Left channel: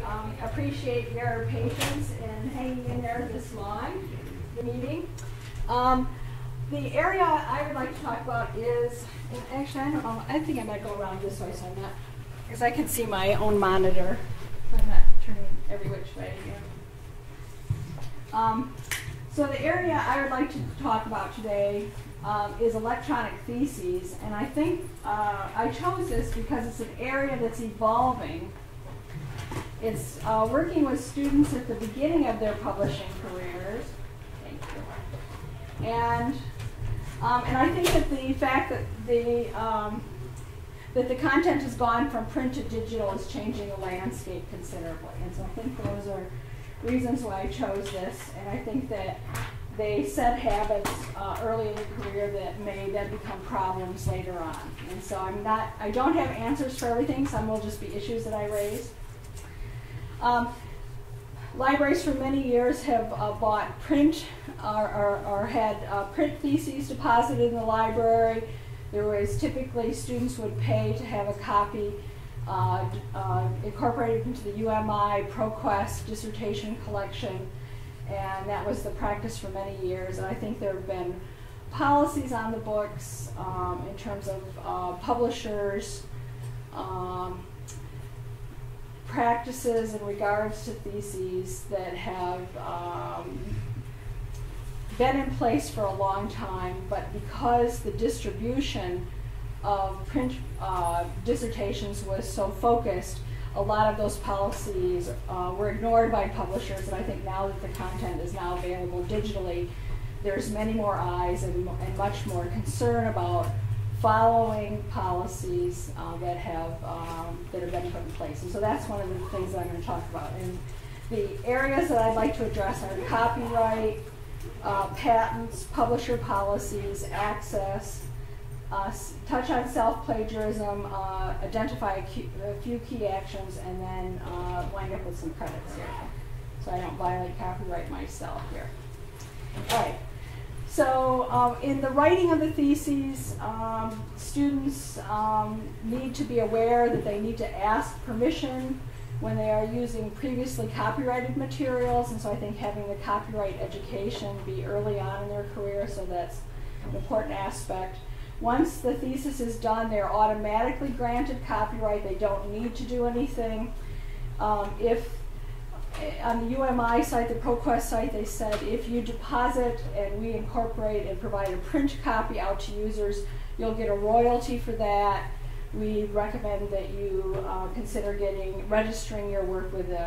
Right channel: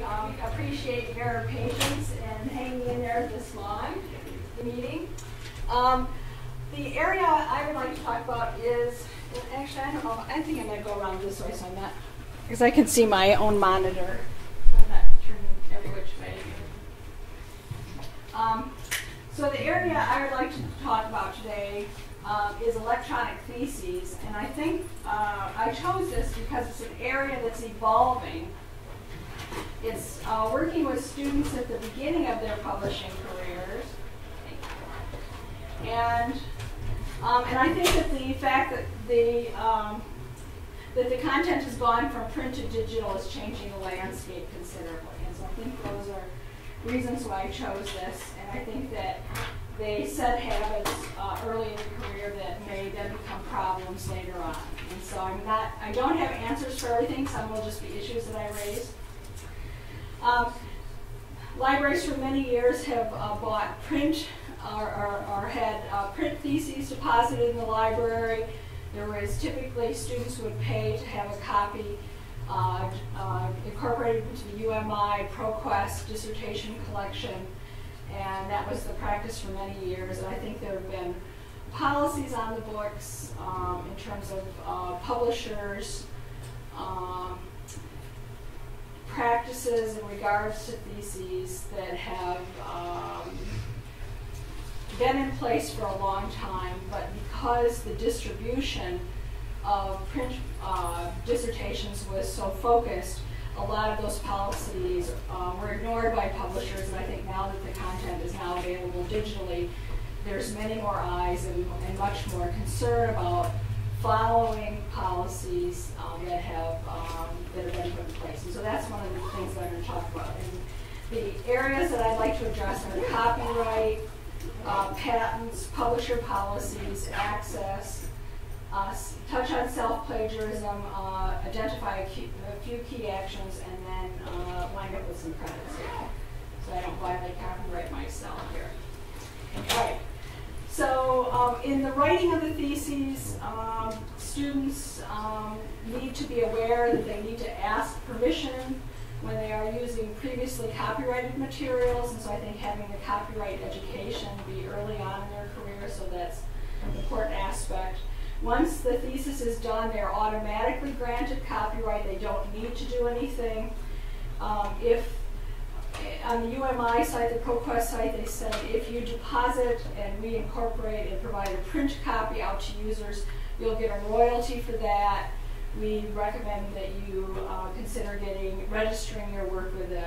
I appreciate your patience in hanging in there this long, the meeting. The area I would like to talk about is, well, actually, I don't know, I think I might go around this way so I'm not, because I can see my own monitor. I'm not turning every which way again. So the area I would like to talk about today is electronic theses, and I think I chose this because it's an area that's evolving. It's working with students at the beginning of their publishing careers. And I think that the fact that the content has gone from print to digital is changing the landscape considerably. And so I think those are reasons why I chose this. And I think that they set habits early in the career that may then become problems later on. And so I don't have answers for everything. Some will just be issues that I raise. Libraries for many years have bought print or had print theses deposited in the library. There was typically students would pay to have a copy incorporated into the UMI ProQuest dissertation collection, and that was the practice for many years. And I think there have been policies on the books in terms of publishers, practices in regards to theses that have been in place for a long time, but because the distribution of print dissertations was so focused, a lot of those policies were ignored by publishers, and I think now that the content is now available digitally, there's many more eyes and much more concern about following policies that are being put in place. And so that's one of the things that I'm going to talk about. And the areas that I'd like to address are copyright, patents, publisher policies, access, touch on self-plagiarism, identify a few key actions, and then wind up with some credits here, so I don't violate copyright myself here. All right. So in the writing of the theses, students need to be aware that they need to ask permission when they are using previously copyrighted materials, and so I think having the copyright education be early on in their career, so that's an important aspect. Once the thesis is done, they're automatically granted copyright. They don't need to do anything. If on the UMI site, the ProQuest site, they said if you deposit and we incorporate and provide a print copy out to users, you'll get a royalty for that. We recommend that you consider registering your work with the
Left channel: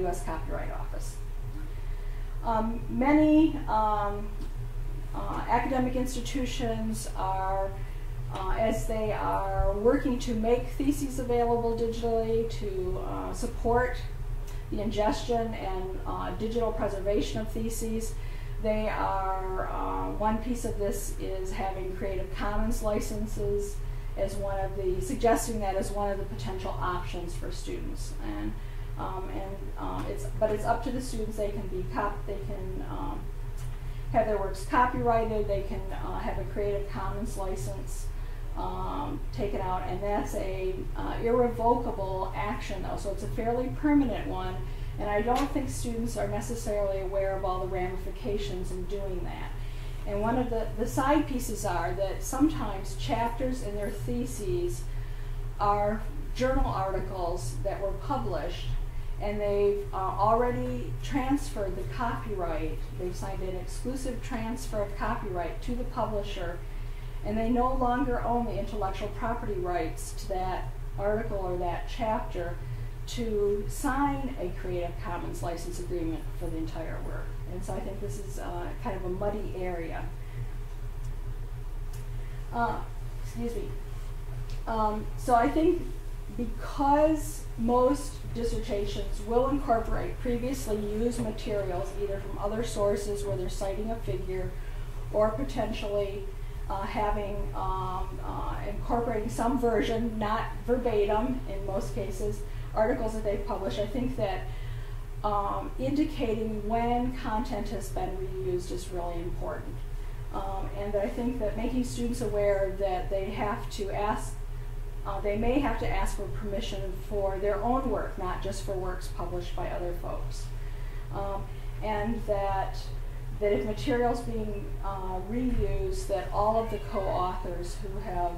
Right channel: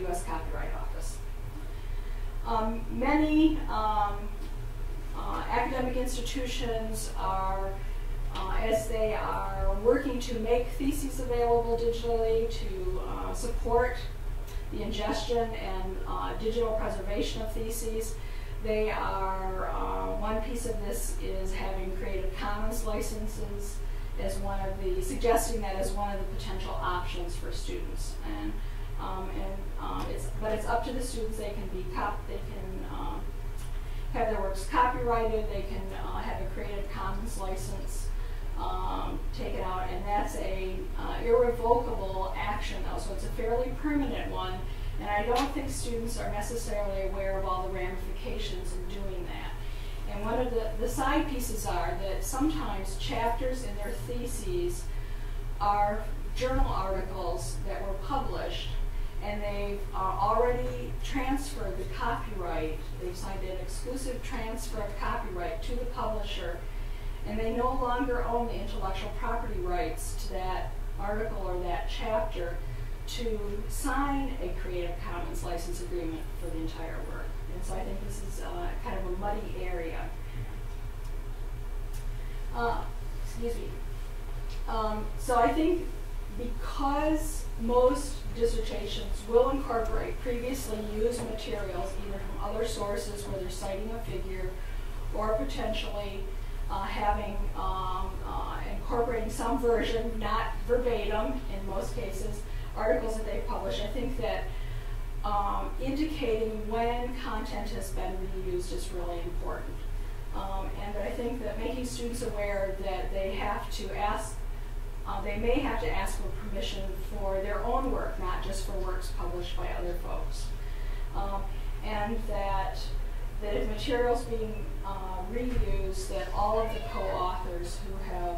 U.S. Copyright Office. Many academic institutions are, as they are working to make theses available digitally to support the ingestion and digital preservation of theses, they are, one piece of this is having Creative Commons licenses as one of the, suggesting that as one of the potential options for students. And it's up to the students. They can have their works copyrighted. They can have a Creative Commons license taken out, and that's a irrevocable action, though, so it's a fairly permanent one. And I don't think students are necessarily aware of all the ramifications in doing that. And one of the side pieces are that sometimes chapters in their theses are journal articles that were published, and they've already transferred the copyright. They've signed an exclusive transfer of copyright to the publisher, and they no longer own the intellectual property rights to that article or that chapter to sign a Creative Commons license agreement for the entire work. And so I think this is kind of a muddy area. Excuse me. So I think because most dissertations will incorporate previously used materials either from other sources where they're citing a figure, or potentially incorporating some version, not verbatim in most cases, articles that they've published, I think that indicating when content has been reused is really important. And I think that making students aware that they have to ask they may have to ask for permission for their own work, not just for works published by other folks. And that if materials being reused, that all of the co-authors who have,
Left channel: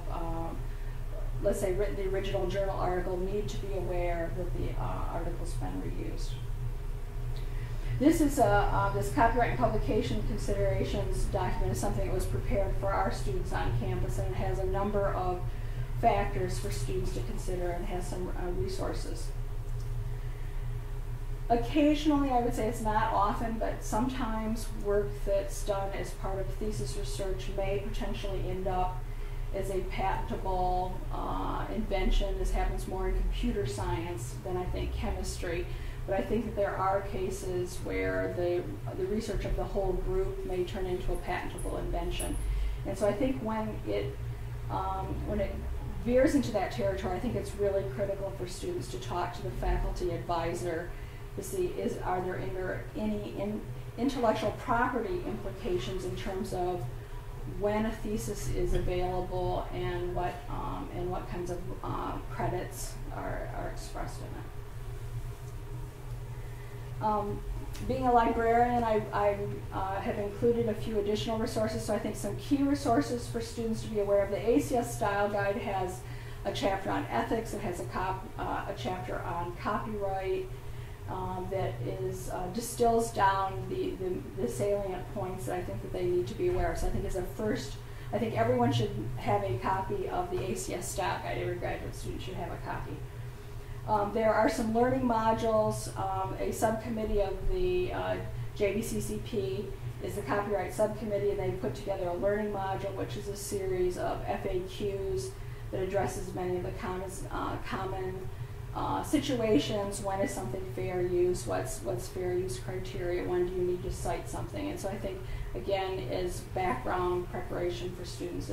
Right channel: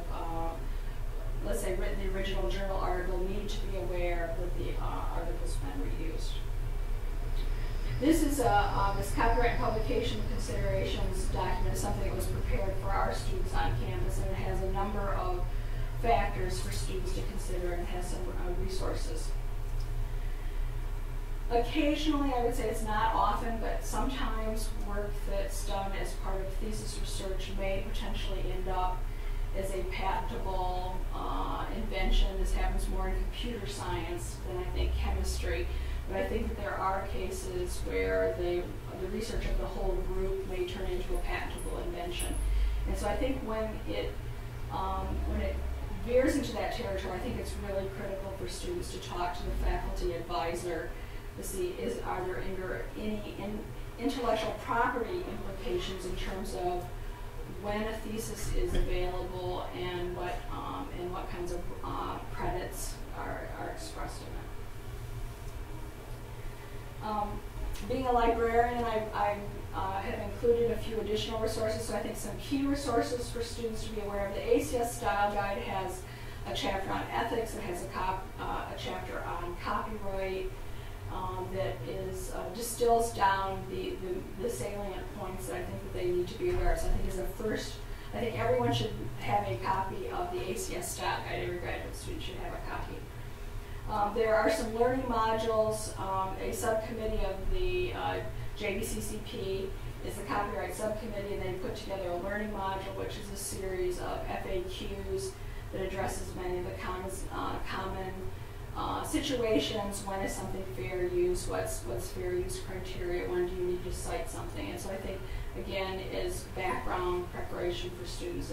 let's say, written the original journal article need to be aware that the article's been reused. This is this copyright publication considerations document is something that was prepared for our students on campus, and it has a number of factors for students to consider and has some resources. Occasionally, I would say it's not often, but sometimes work that's done as part of thesis research may potentially end up as a patentable invention. This happens more in computer science than I think chemistry. But I think that there are cases where the research of the whole group may turn into a patentable invention. And so I think when it veers into that territory, I think it's really critical for students to talk to the faculty advisor to see are there any intellectual property implications in terms of when a thesis is available and what kinds of credits are expressed in it. Being a librarian, I have included a few additional resources, so I think some key resources for students to be aware of. The ACS Style Guide has a chapter on ethics. It has a chapter on copyright that distills down the salient points that I think that they need to be aware of. So I think as a first, I think everyone should have a copy of the ACS Style Guide. Every graduate student should have a copy. There are some learning modules. A subcommittee of the JPCL is the copyright subcommittee, and they put together a learning module, which is a series of FAQs that addresses many of the common situations. When is something fair use? What's fair use criteria? When do you need to cite something? And so I think, again, as background preparation for students,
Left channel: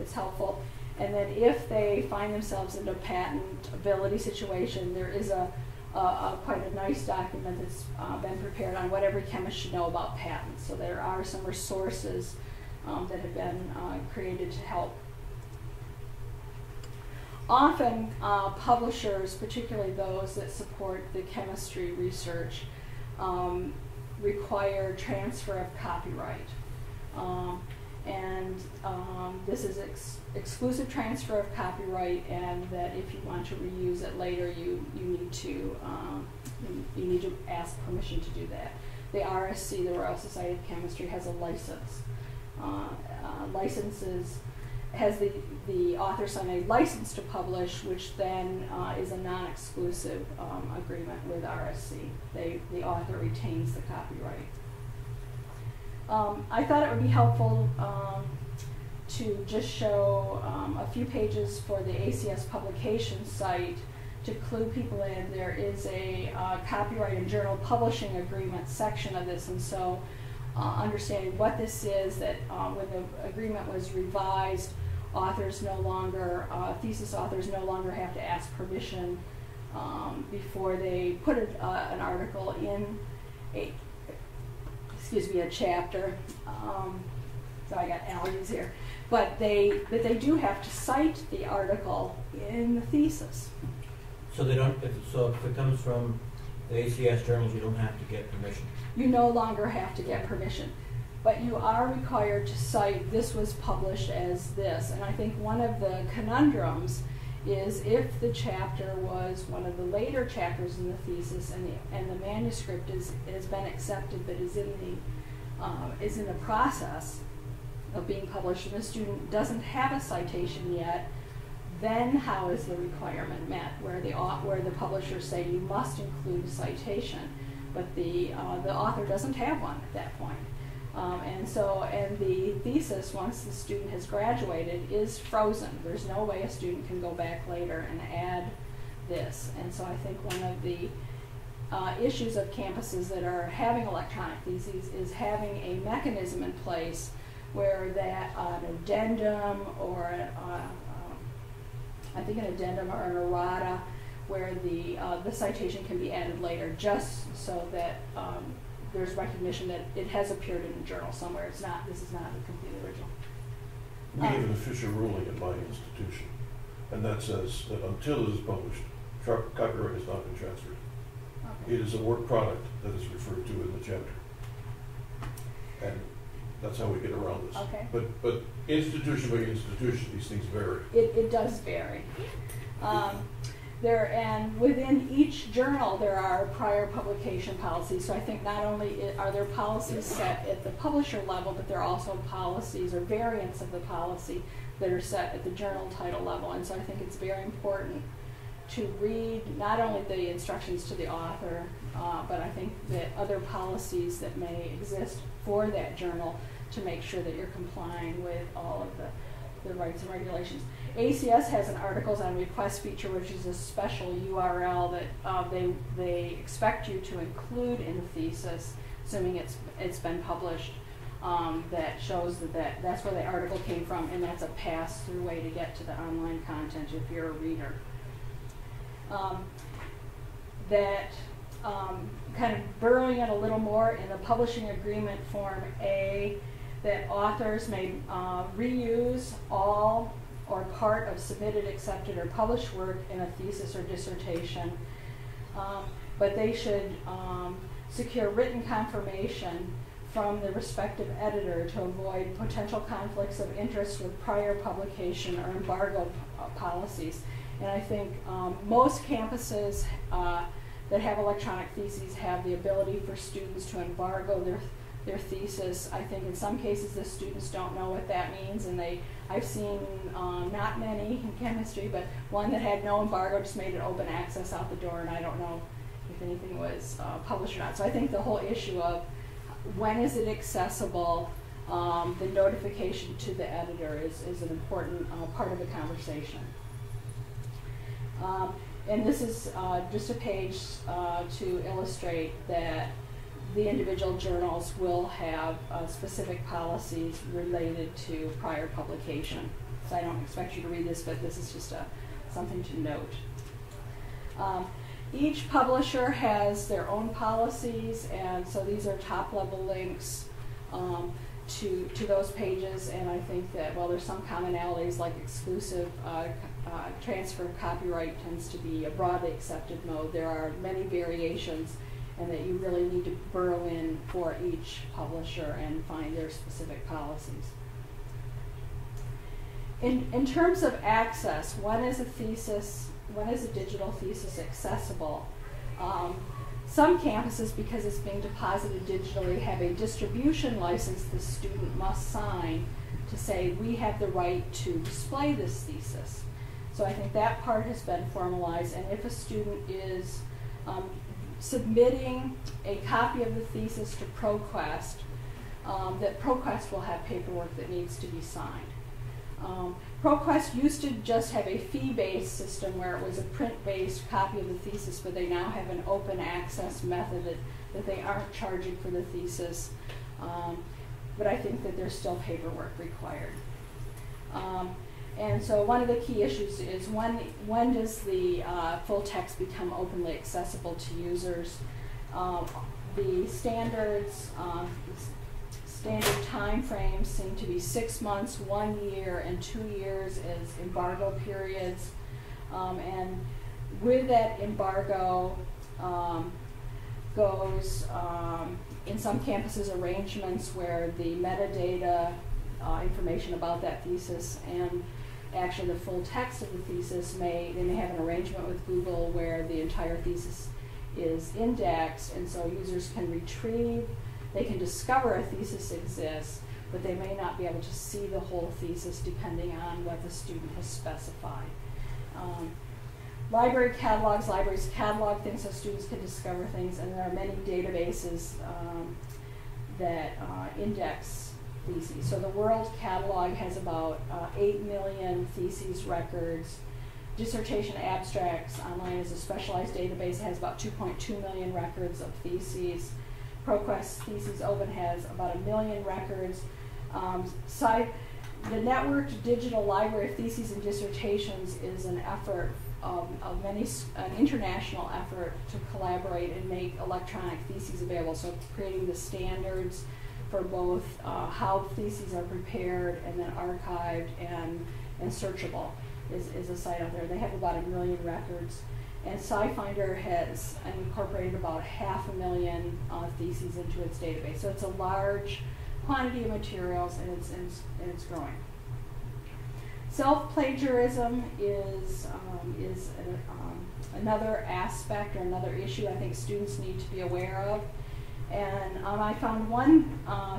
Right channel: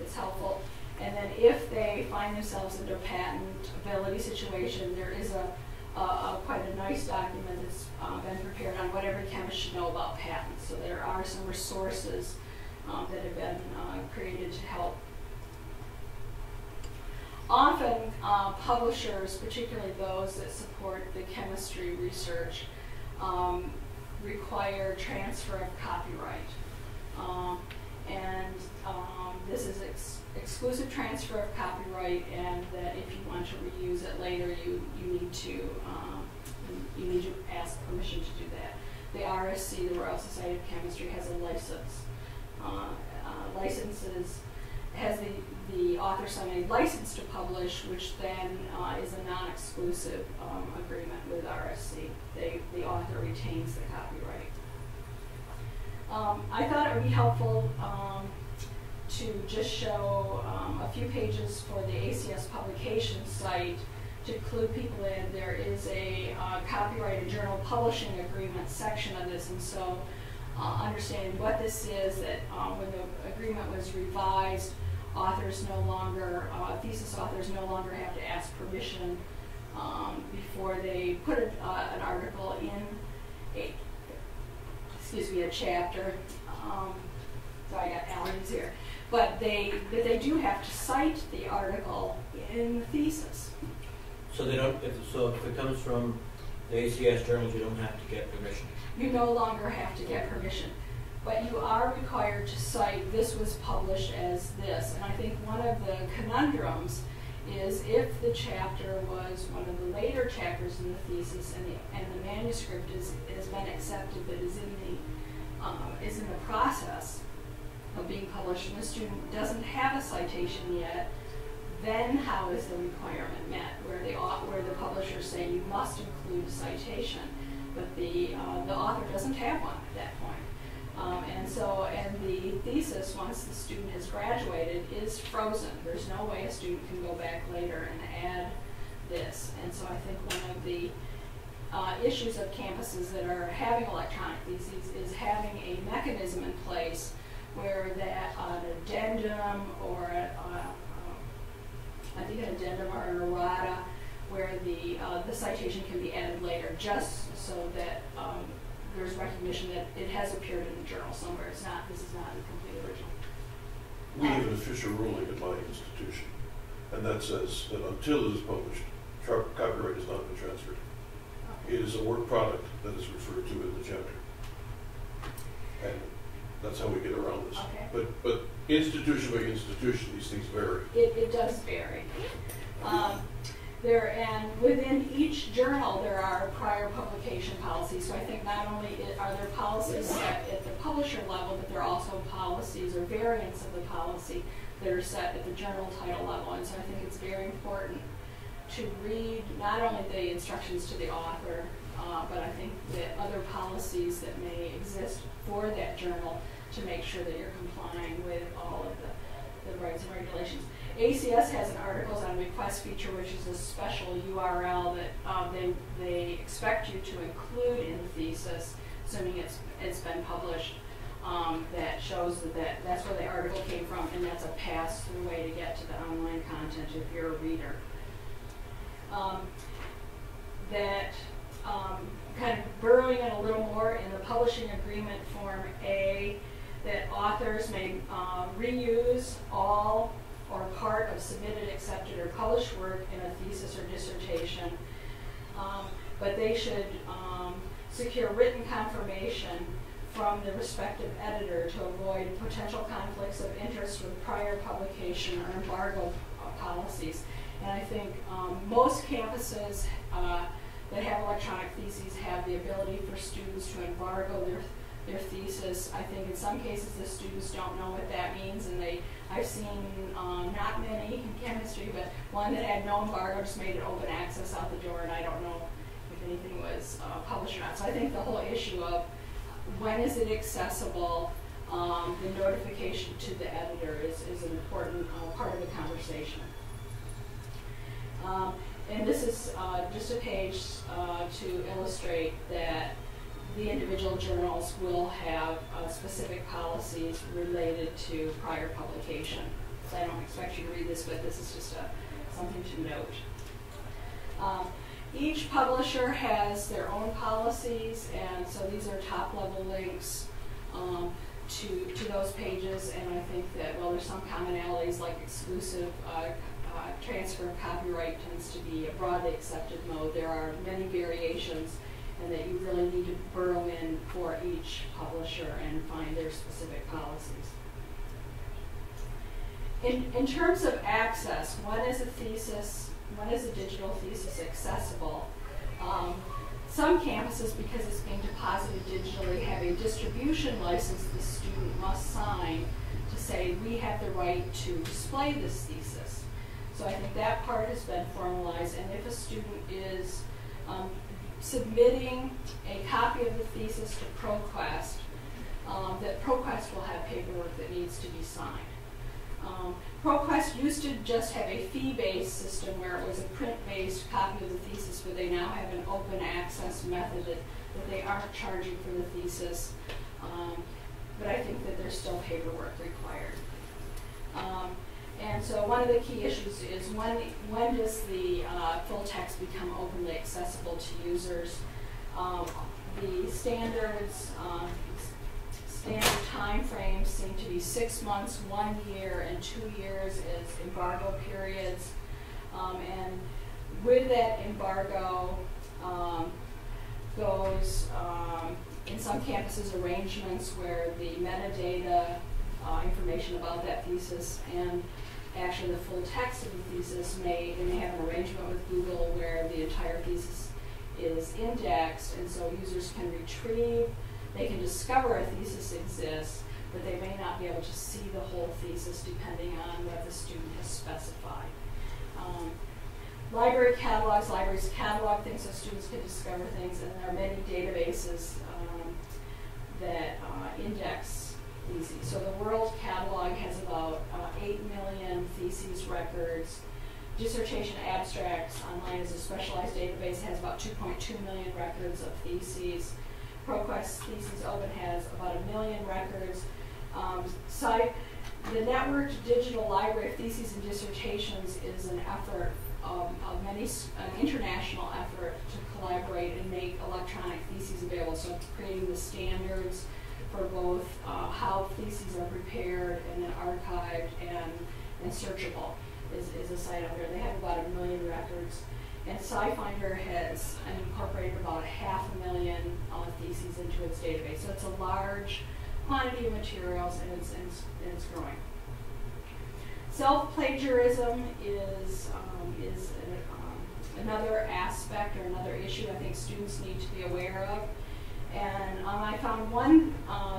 it's helpful. And then if they find themselves in a patentability situation, there is quite a nice document that's been prepared on what every chemist should know about patents. So there are some resources that have been created to help. Often publishers, particularly those that support the chemistry research, require transfer of copyright. This is exclusive transfer of copyright, and that if you want to reuse it later, you need to ask permission to do that. The RSC, the Royal Society of Chemistry, has a license. Has the author sign a license to publish, which then is a non-exclusive agreement with RSC. The author retains the copyright. I thought it would be helpful to just show a few pages for the ACS publication site to clue people in. There is a copyright and journal publishing agreement section of this, and so understanding what this is, that when the agreement was revised, thesis authors no longer have to ask permission before they put an article in a chapter. So I got allergies here. But they do have to cite the article in the thesis. So they don't. If it comes from the ACS journals, you don't have to get permission. You no longer have to get permission, but you are required to cite this was published as this. And I think one of the conundrums is if the chapter was one of the later chapters in the thesis, and the manuscript has been accepted, but is in the process of being published, and the student doesn't have a citation yet, then how is the requirement met? Where the publishers say you must include a citation, but the author doesn't have one at that point. And the thesis, once the student has graduated, is frozen. There's no way a student can go back later and add this. And so I think one of the issues of campuses that are having electronic theses is having a mechanism in place where that an addendum or an addendum or an errata, where the citation can be added later, just so that there's recognition that it has appeared in the journal somewhere. This is not a complete original. We have an official ruling at my institution And that says that until it is published, copyright has not been transferred. It is a work product that is referred to in the chapter. And that's how we get around this. Okay. But institution by institution, these things vary. It does vary. And within each journal, there are prior publication policies. So I think not only are there policies set at the publisher level, but there are also policies or variants of the policy that are set at the journal title level. And so I think it's very important to read not only the instructions to the author, but I think that other policies that may exist for that journal to make sure that you're complying with all of the rights and regulations. ACS has an articles on request feature, which is a special URL that they expect you to include in the thesis, assuming it's been published. That shows that's where the article came from, and that's a pass-through way to get to the online content if you're a reader. Kind of burrowing it a little more in the publishing agreement form A, that authors may reuse all or part of submitted, accepted, or published work in a thesis or dissertation, but they should secure written confirmation from the respective editor to avoid potential conflicts of interest with prior publication or embargo policies. And I think most campuses that have electronic theses have the ability for students to embargo their thesis. I think in some cases the students don't know what that means, and I've seen not many in chemistry, but one that had no embargo just made it open access out the door, and I don't know if anything was published or not. So I think the whole issue of when is it accessible, the notification to the editor is an important part of the conversation. And this is just a page to illustrate that the individual journals will have specific policies related to prior publication. So I don't expect you to read this, but this is just something to note. Each publisher has their own policies, and so these are top-level links to those pages, and I think that, well, there's some commonalities like exclusive transfer of copyright tends to be a broadly accepted mode. There are many variations, and that you really need to burrow in for each publisher and find their specific policies. In terms of access, when is a digital thesis accessible? Some campuses, because it's being deposited digitally, have a distribution license the student must sign to say, we have the right to display this thesis. So I think that part has been formalized, and if a student is submitting a copy of the thesis to ProQuest, that ProQuest will have paperwork that needs to be signed. ProQuest used to just have a fee-based system where it was a print-based copy of the thesis, but they now have an open access method that they aren't charging for the thesis. But I think that there's still paperwork required. And so one of the key issues is when does the full text become openly accessible to users? The standard time frames seem to be 6 months, 1 year, and 2 years as embargo periods. And with that embargo goes, in some campuses, arrangements where the metadata information about that thesis and actually the full text of the thesis they may have an arrangement with Google where the entire thesis is indexed, and so users can retrieve, they can discover a thesis exists, but they may not be able to see the whole thesis depending on what the student has specified. Libraries catalog things so students can discover things, and there are many databases that index theses. So the World Catalog has about 8 million theses records. Dissertation abstracts online is a specialized database, has about 2.2 million records of theses. ProQuest Theses Open has about 1 million records. The networked digital library of theses and dissertations is an effort an international effort to collaborate and make electronic theses available. So it's creating the standards for both how theses are prepared and then archived and searchable. is a site out there. They have about 1 million records. And SciFinder has incorporated about 500,000 theses into its database. So it's a large quantity of materials, and it's growing. Self-plagiarism is another aspect or another issue I think students need to be aware of. And I found one,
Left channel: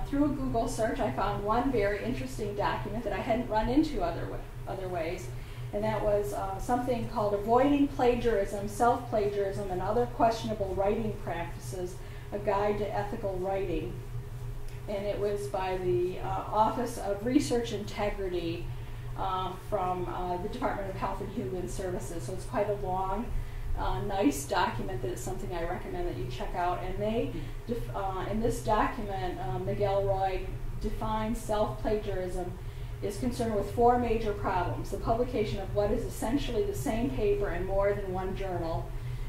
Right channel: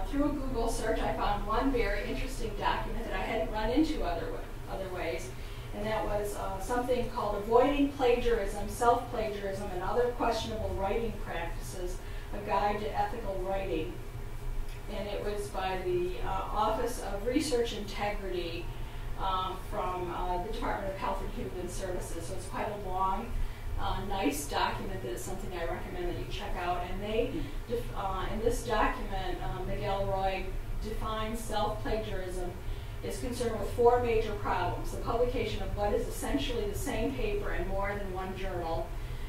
through a Google search, I found one very interesting document that I hadn't run into other ways. And that was something called Avoiding Plagiarism, Self-Plagiarism, and Other Questionable Writing Practices, a Guide to Ethical Writing. And it was by the Office of Research Integrity from the Department of Health and Human Services. So it's quite a long, nice document that is something I recommend that you check out. And they, in this document, Miguel Roy defines self-plagiarism is concerned with 4 major problems: the publication of what is essentially the same paper in more than one journal.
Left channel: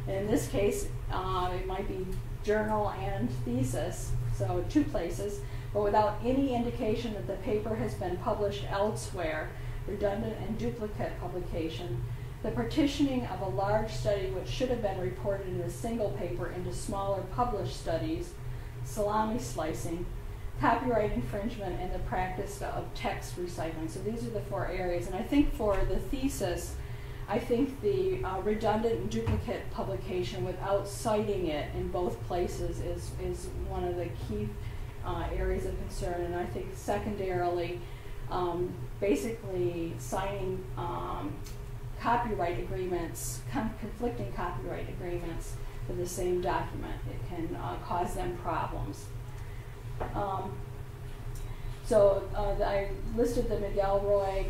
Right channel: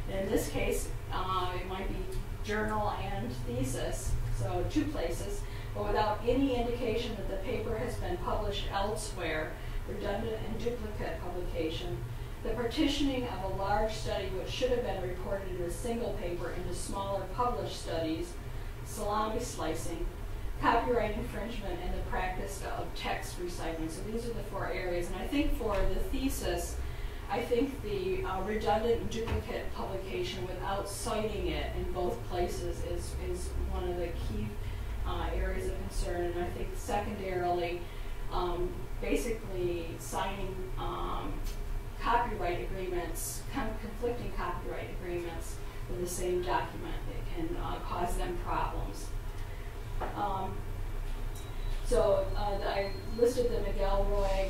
And in this case, it might be journal and thesis, so 2 places, but without any indication that the paper has been published elsewhere, redundant and duplicate publication, the partitioning of a large study which should have been reported in a single paper into smaller published studies, salami slicing, copyright infringement, and the practice of text recycling. So these are the 4 areas. And I think for the thesis, I think the redundant and duplicate publication without citing it in both places is one of the key areas of concern. And I think secondarily, basically signing copyright agreements, conflicting copyright agreements for the same document, it can cause them problems. So I listed the Miguel Roy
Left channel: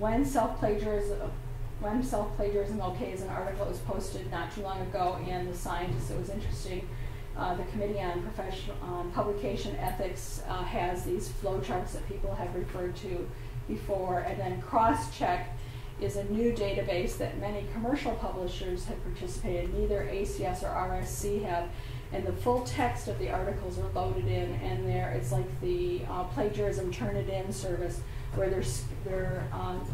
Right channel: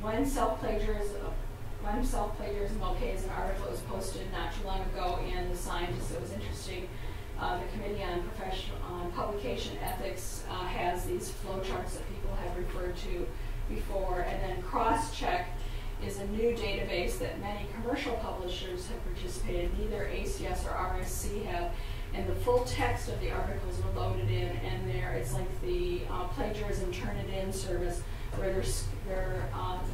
when self-plagiarism okay is an article that was posted not too long ago in The Scientist. It was interesting. The Committee on Publication Ethics has these flowcharts that people have referred to before, and then CrossCheck is a new database that many commercial publishers have participated. Neither ACS or RSC have. And the full text of the articles are loaded in, and it's like the plagiarism Turnitin service, where they're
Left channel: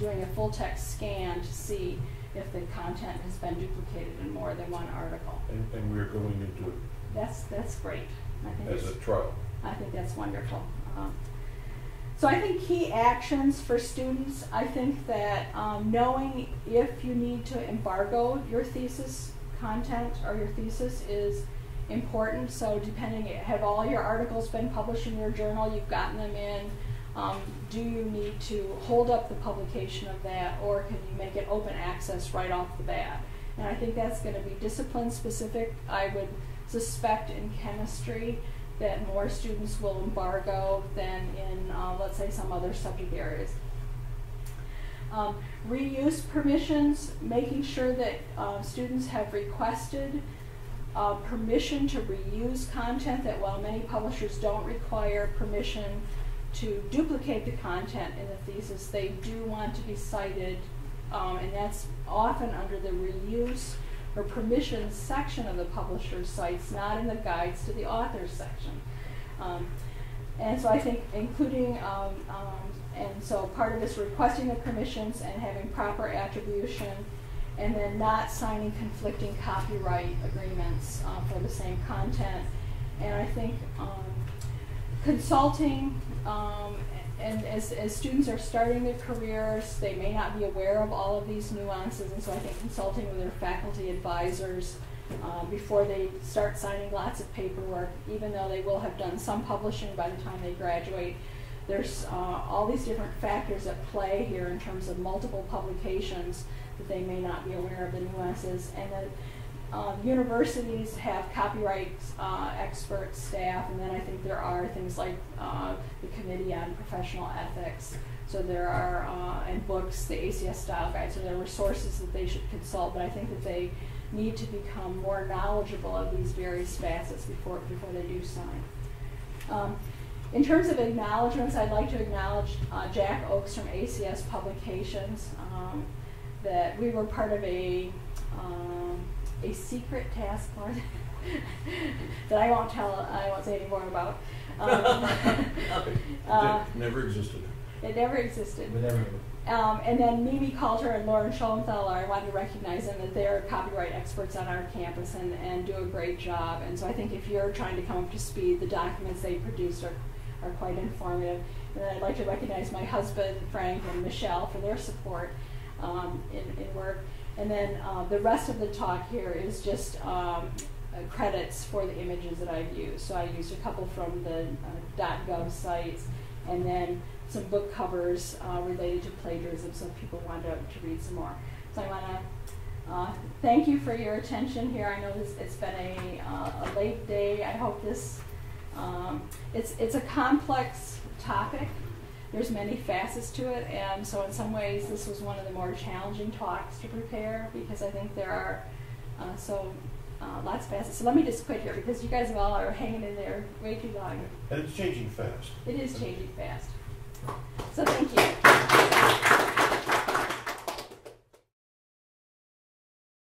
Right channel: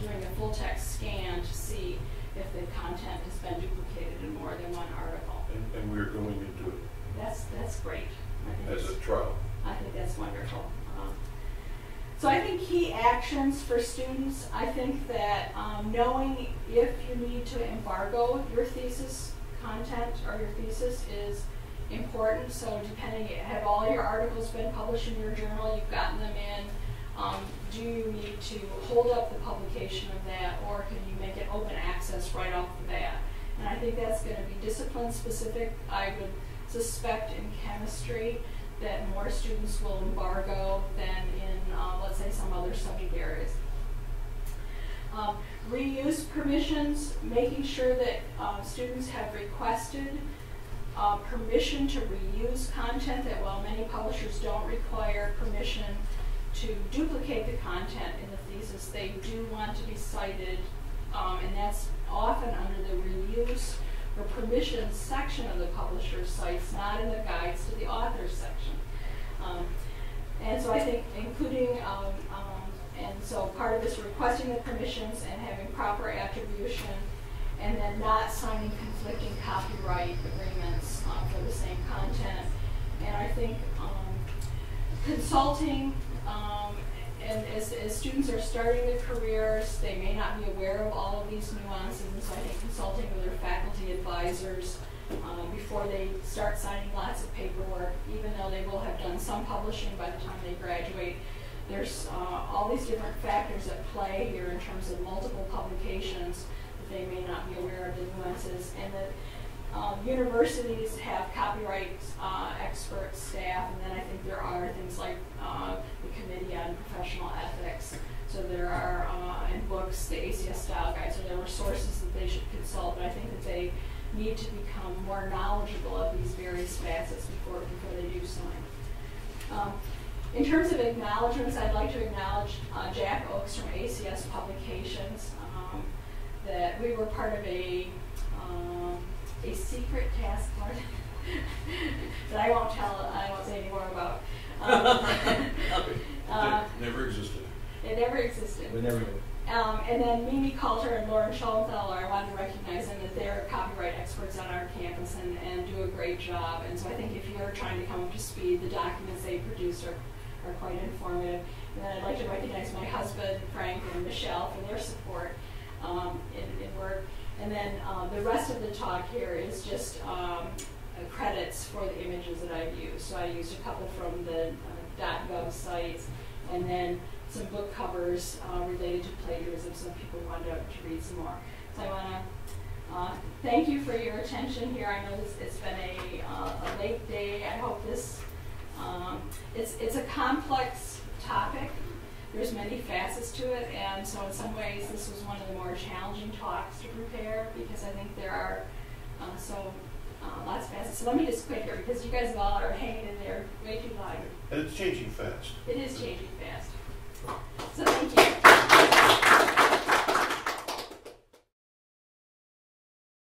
doing a full text scan to see if the content has been duplicated in more than one article. And we're going into it. That's great. As a trial. I think that's wonderful. So I think key actions for students, I think that knowing if you need to embargo your thesis content or your thesis is important. So depending, have all your articles been published in your journal, you've gotten them in, do you need to hold up the publication of that, or could you make it open access right off the bat? And I think that's going to be discipline specific. I would suspect in chemistry that more students will embargo than in, let's say, some other subject areas. Reuse permissions, making sure that students have requested permission to reuse content, that while many publishers don't require permission to duplicate the content in the thesis, they do want to be cited, and that's often under the reuse or permission section of the publisher's sites, not in the guides to the author's section. And so I think including, and so part of this requesting the permissions and having proper attribution, and then not signing conflicting copyright agreements for the same content. And I think consulting, and as students are starting their careers, they may not be aware of all of these nuances, and so I think consulting with their faculty advisors before they start signing lots of paperwork, even though they will have done some publishing by the time they graduate. There's all these different factors at play here in terms of multiple publications that they may not be aware of the nuances. And then universities have copyright expert staff, and then I think there are things like the Committee on Professional Ethics. So there are, in books, the ACS style guide, so there were sources that they should consult, but I think that they need to become more knowledgeable of these various facets before they do sign. In terms of acknowledgements, I'd like to acknowledge Jack Oakes from ACS Publications, that we were part of a secret task force that I won't say any more about. It never existed. It never existed. We never knew. And then Mimi Coulter and Lauren Schoenthaler, I want to recognize them that they're copyright experts on our campus and do a great job. And so I think if you're trying to come up to speed, the documents they produce are quite informative. And then I'd like to recognize my husband, Frank, and Michelle for their support in work. And then the rest of the talk here is just credits for the images that I've used. So I used a couple from the .gov sites, and then some book covers related to plagiarism, so people wanted to read some more. So I want to thank you for your attention here. I know it's been a late day. I hope this, it's a complex topic. There's many facets to it, and so in some ways this was one of the more challenging talks to prepare, because I think there are lots of facets. So let me just quit here, because you guys all are hanging in there way too long. And it's changing fast. It is changing fast. So thank you.